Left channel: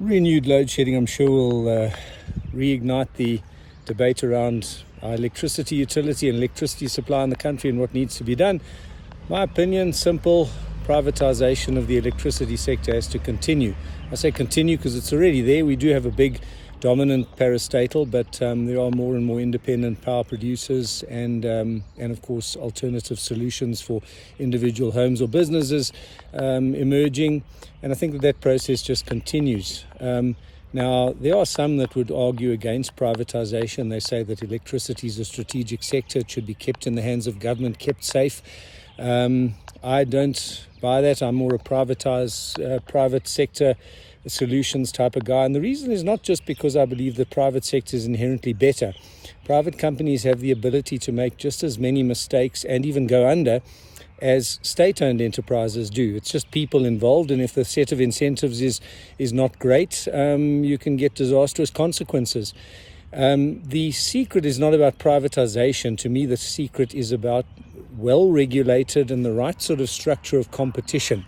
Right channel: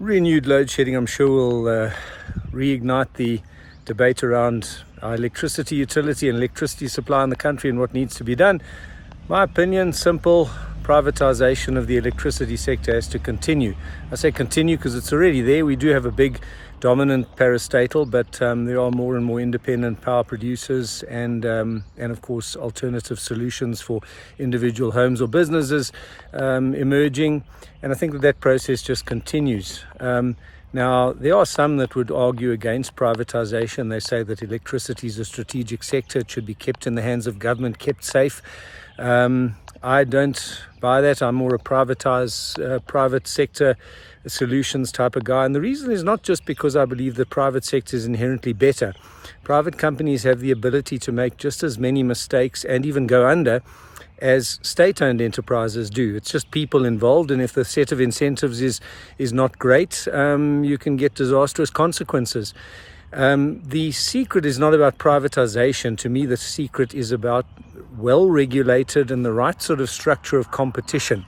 Renewed load shedding, I'm sure, will reignite the debate around our electricity utility and electricity supply in the country and what needs to be done. My opinion, simple: privatization of the electricity sector has to continue. I say continue because it's already there. We do have a big dominant parastatal, but there are more and more independent power producers and of course alternative solutions for individual homes or businesses emerging, and I think that process just continues. Now, there are some that would argue against privatization. They say that electricity is a strategic sector. It should be kept in the hands of government, kept safe. I don't buy that. I'm more a private sector solutions type of guy. And the reason is not just because I believe the private sector is inherently better. Private companies have the ability to make just as many mistakes and even go under as state-owned enterprises do. It's just people involved, and if the set of incentives is not great, you can get disastrous consequences. The secret is not about privatization. To me, the secret is about well-regulated and the right sort of structure of competition.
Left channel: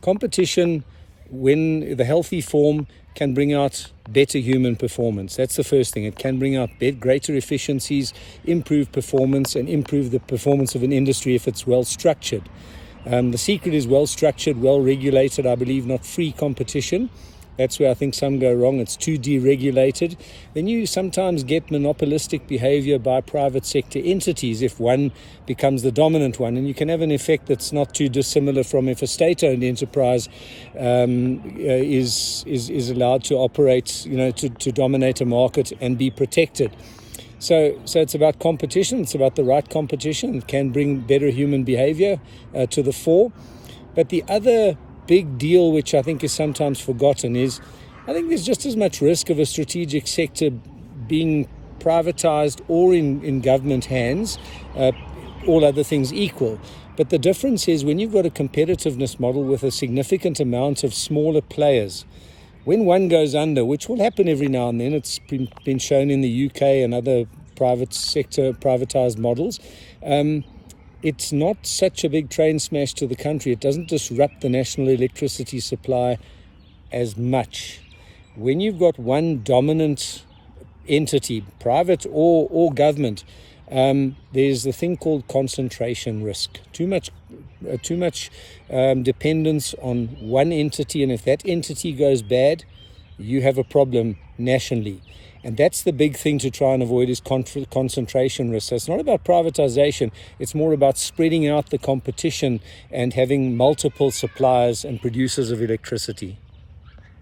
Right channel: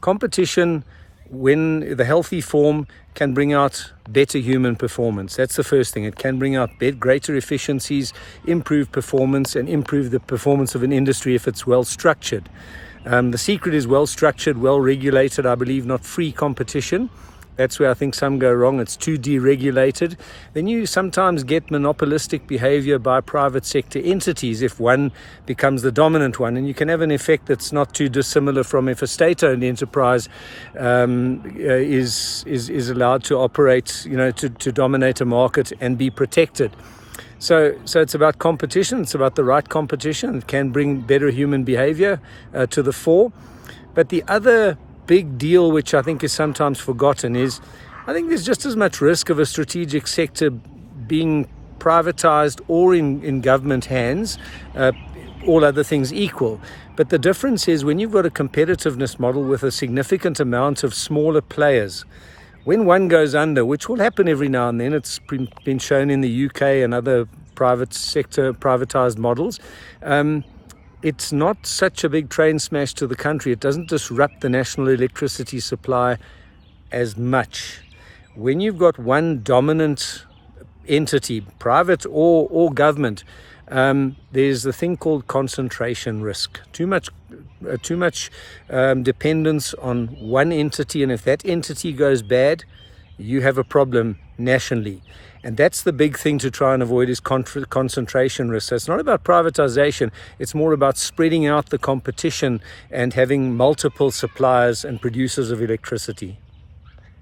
Competition, when the healthy form, can bring out better human performance. That's the first thing. It can bring out greater efficiencies, improve performance, and improve the performance of an industry if it's well structured. The secret is well structured, well regulated. I believe not free competition. That's where I think some go wrong. It's too deregulated. Then you sometimes get monopolistic behavior by private sector entities if one becomes the dominant one. And you can have an effect that's not too dissimilar from if a state-owned enterprise is allowed to operate, to dominate a market and be protected. So it's about competition. It's about the right competition. It can bring better human behavior to the fore. But the other big deal, which I think is sometimes forgotten, is I think there's just as much risk of a strategic sector being privatized or in government hands, all other things equal. But the difference is when you've got a competitiveness model with a significant amount of smaller players, when one goes under, which will happen every now and then, it's been shown in the UK and other private sector privatized models, it's not such a big train smash to the country. It doesn't disrupt the national electricity supply as much. When you've got one dominant entity, private or government, there's the thing called concentration risk. Too much dependence on one entity, and if that entity goes bad, you have a problem nationally. And that's the big thing to try and avoid, is concentration risk. So it's not about privatization. It's more about spreading out the competition and having multiple suppliers and producers of electricity.